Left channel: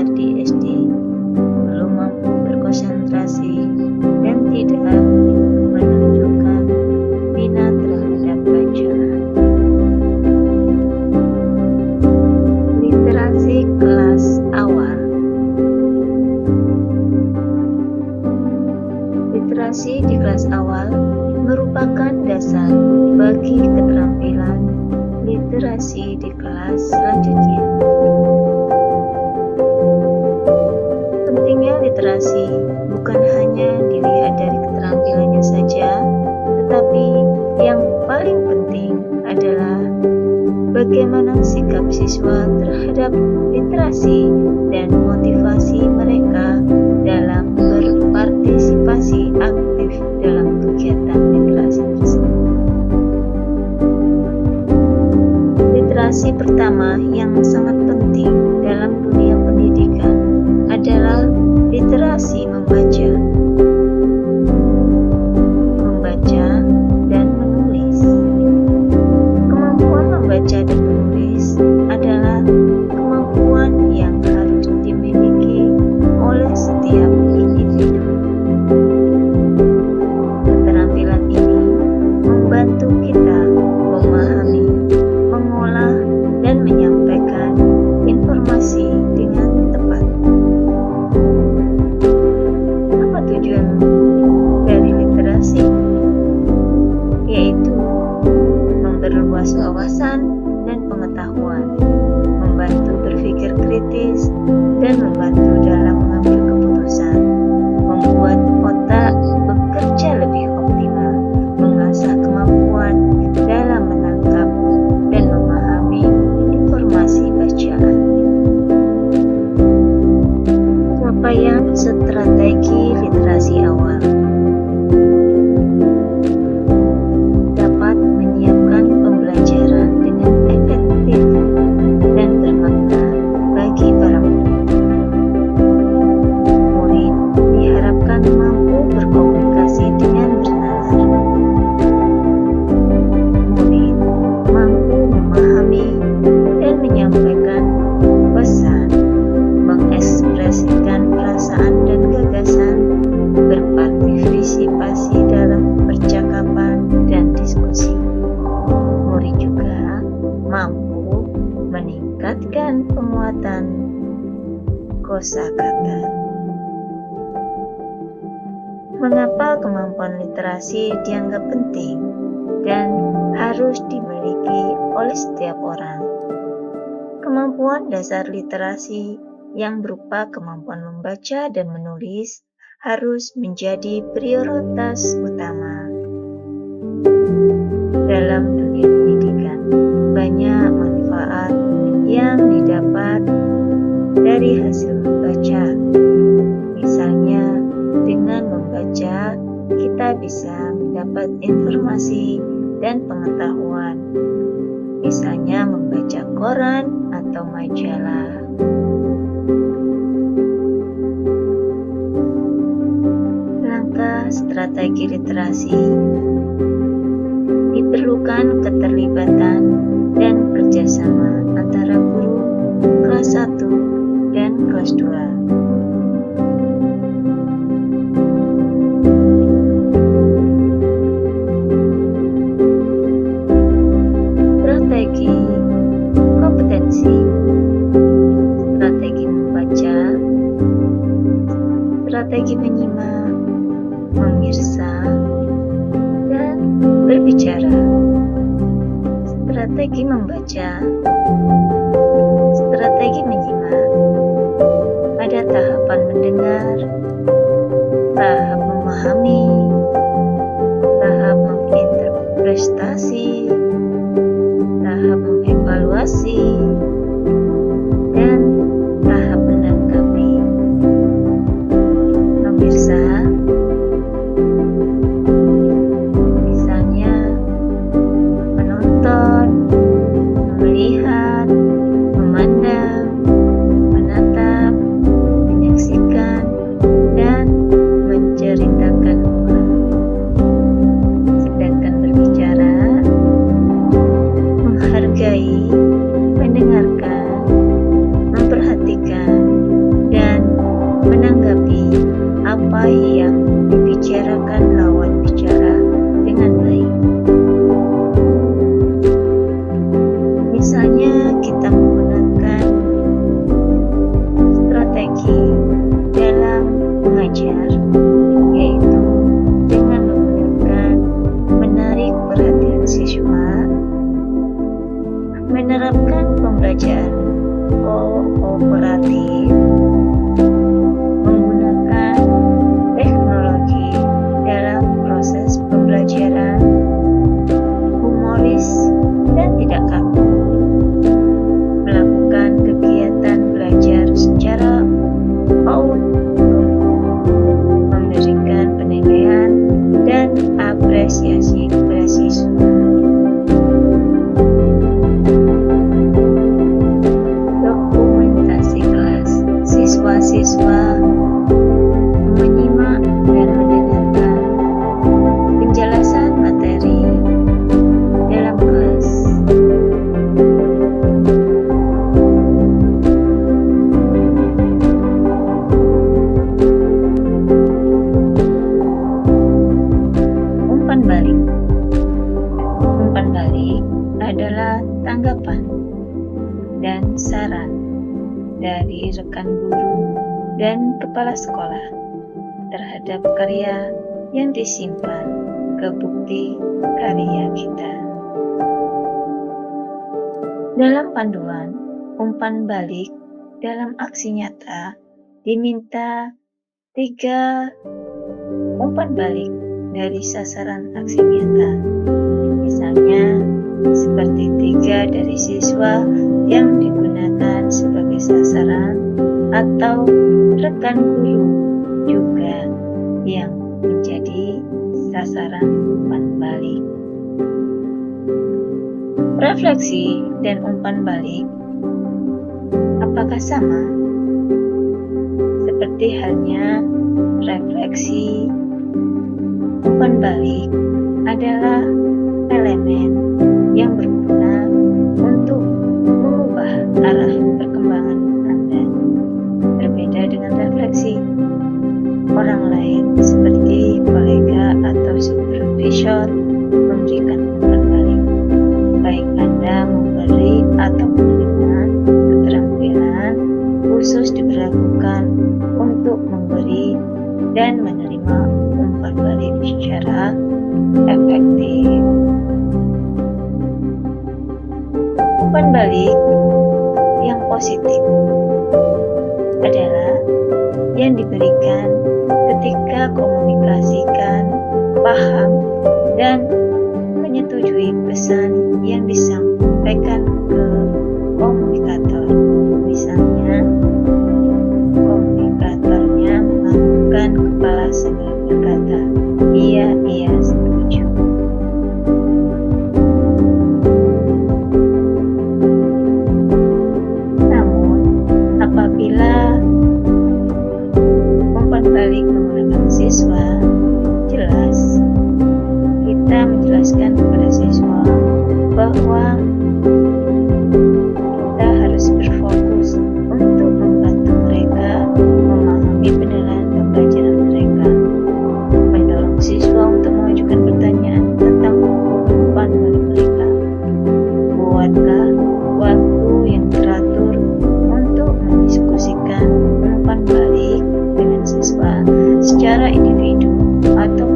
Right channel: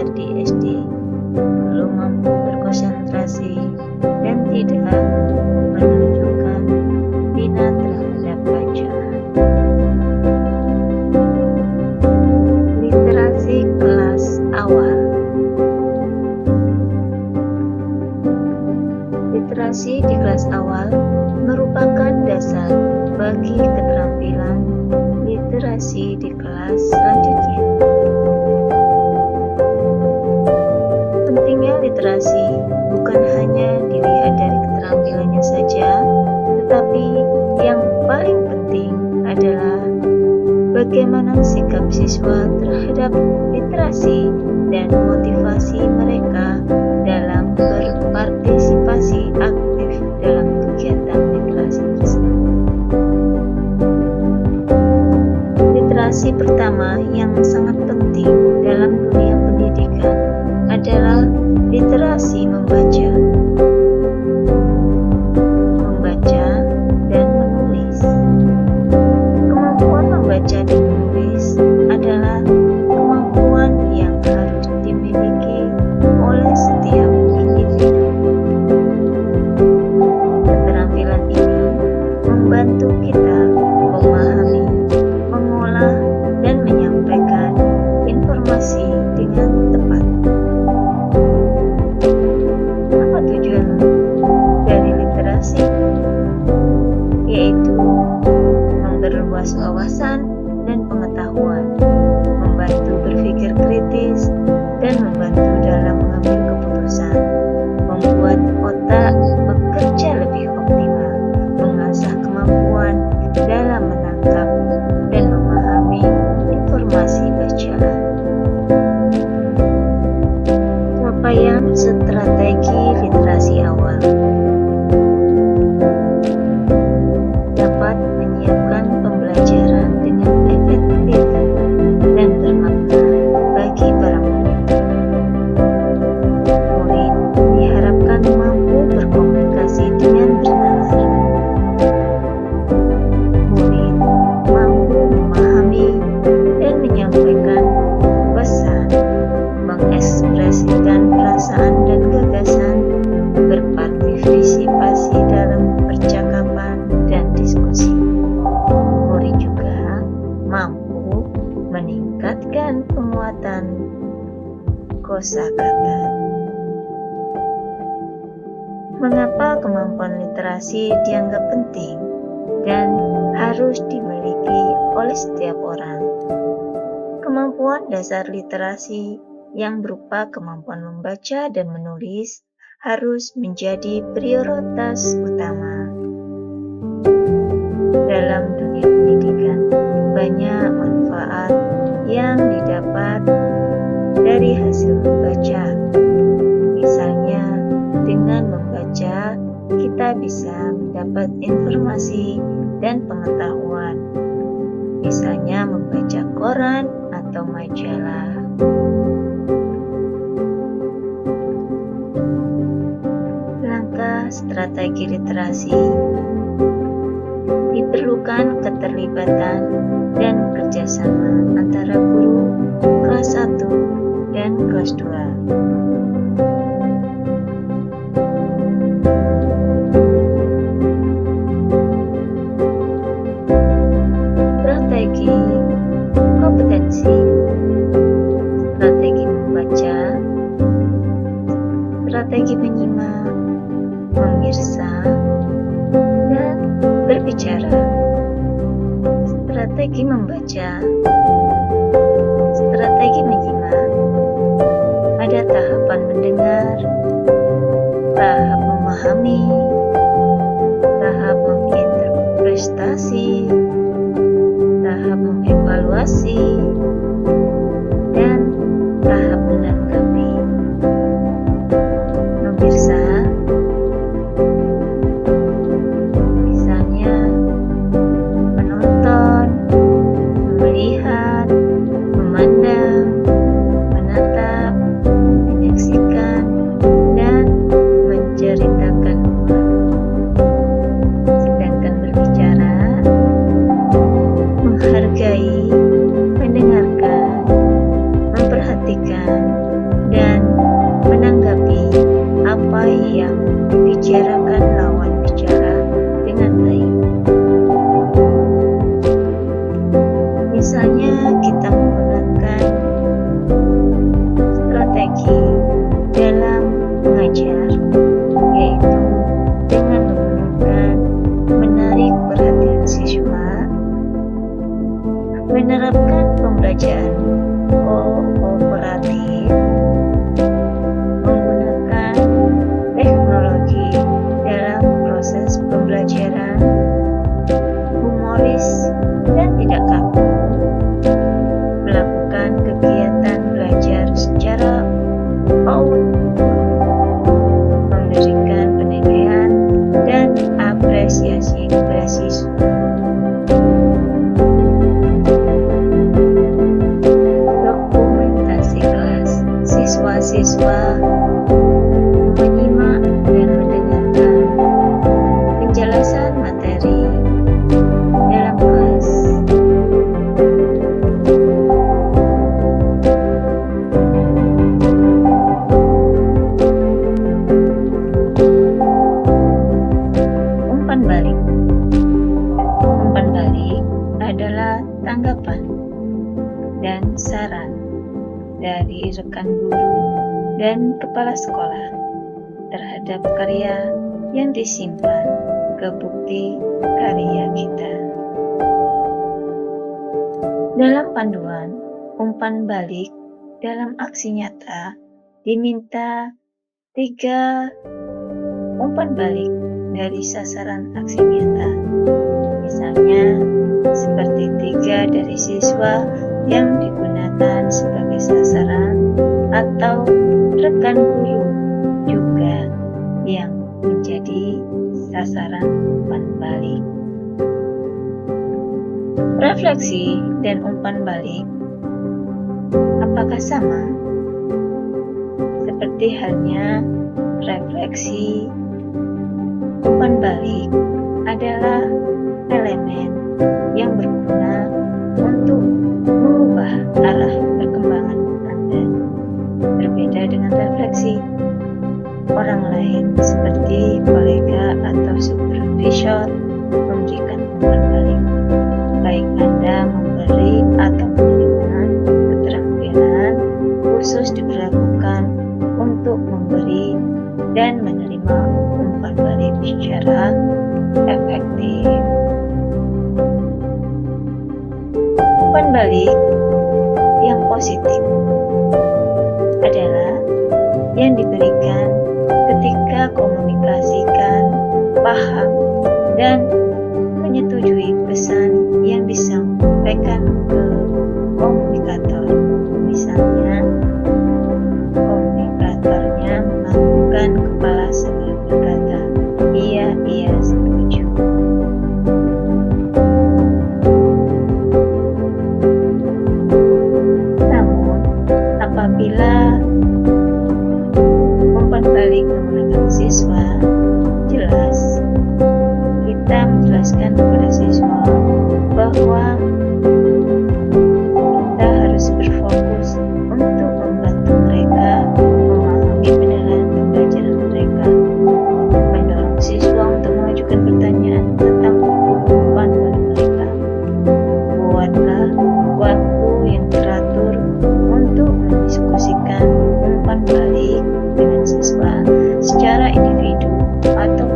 belajar di SD, belum mampu berkonsentrasi dan tidak menunjukkan minat terhadap bacaan. Literasi kelas awal. Literasi di kelas awal merupakan dasar bagi keterampilan literasi di kelas selanjutnya. Pentingnya literasi bukan hanya dilihat dari keterampilannya saja, tetapi yang paling penting adalah bagaimana sikap siswa terhadap literasi dan motivasi mereka dalam berpartisipasi aktif dalam kegiatan literasi tersebut. Literasi pertama yang sangat penting dalam dunia pendidikan adalah literasi membaca. Membaca dan menulis. Kemampuan membaca dan menulis adalah kemampuan yang harus dimiliki oleh setiap individu. Keterampilan ini membantu kita memahami, mengolah, dan menyampaikan informasi dengan tepat. Apa tujuan dari literasi? Yaitu memperluas wawasan dan pengetahuan, membantu berpikir kritis, dan membantu dalam mengambil keputusan, membuat otak bekerja lebih optimal, mengasah kemampuan dalam menangkap dan memahami informasi bacaan. Capaian strategi literasi awal dapat menyiapkan pembelajaran dengan efektif dan bermakna bagi para murid. Murid diharapkan mampu berkomunikasi dengan bernalar. Murid mampu memahami dan menyampaikan pesan, mengekspresikan perasaan dan gagasan, berpartisipasi dalam percakapan dan diskusi. Murid juga mampu meningkatkan penguatan kosakata. Mengapa kemampuan literasi dianggap penting dan harus dimiliki oleh setiap orang? Kemampuan dasar literasi yang berupa kemampuan membaca dan menulis harus menjadi prioritas utama. Dalam dunia pendidikan, banyak manfaat yang didapat dari hasil membaca. Misalnya, dengan membaca, kita bisa mendapat informasi dan pengetahuan. Misalnya membaca koran atau majalah. Langkah strategi literasi diperlukan keterlibatan dan kerjasama antara guru kelas 1 dan kelas 2. Strategi kompetensi, strategi membaca, strategi menyimak, memirsa, dan berbicara. Strategi membaca, strategi menyimak. Ada tahapan mendengar, tahap memahami, tahap menginterpretasi, tahap mengevaluasi, dan tahap menanggapi. Memirsa, misalnya menonton, melihat, memandang, menatap, menyaksikan, dan menceritakan ulang. Sedangkan berbicara, menghargai, mendengarkan, memperhatikan, tanggapan dan saran dari rekan guru dan kepala sekolah terhadap karya yang disimpan ke bukti karya kita. Dalam panduan umpan balik dalam aksi nyata diminta 3 umpan balik dari sasaran aksi nyata. Misalnya, seperti 3 dari siswa yang digunakan sebagai sasaran atau rekan guru juga yang menjadi sasaran umpan balik. Refleksi dan umpan balik apakah sama? Seperti halnya refleksi, umpan balik adalah elemen yang berguna untuk mengubah arah perkembangan Anda. Berbeda dengan refleksi, orang lain seperti kolega atau supervisor memberikan umpan balik. Baik Anda memberi atau menerima, keterampilan khusus diberlakukan untuk memberi dan menerima umpan balik secara efektif. Umpan balik yang positif adalah yang diberikan ketika komunikasikan, paham, dan menyetujui pesan yang disampaikan ke komunikator. Misalnya, komunikatornya menganggukkan kepala sambil berkata, "Iya, setuju." Namun, apabila umpan balik menggunakan siswa, jelas kita menjelaskan kepada siswa bahwa kita harus berfokus untuk membantu mereka memahami benaran pembelajaran mereka, mendorong siswa untuk mengajukan pertanyaan tentang umpan balik mereka. Buatlah waktu yang teratur untuk mendiskusikan umpan balik dengan siswa secara individu atau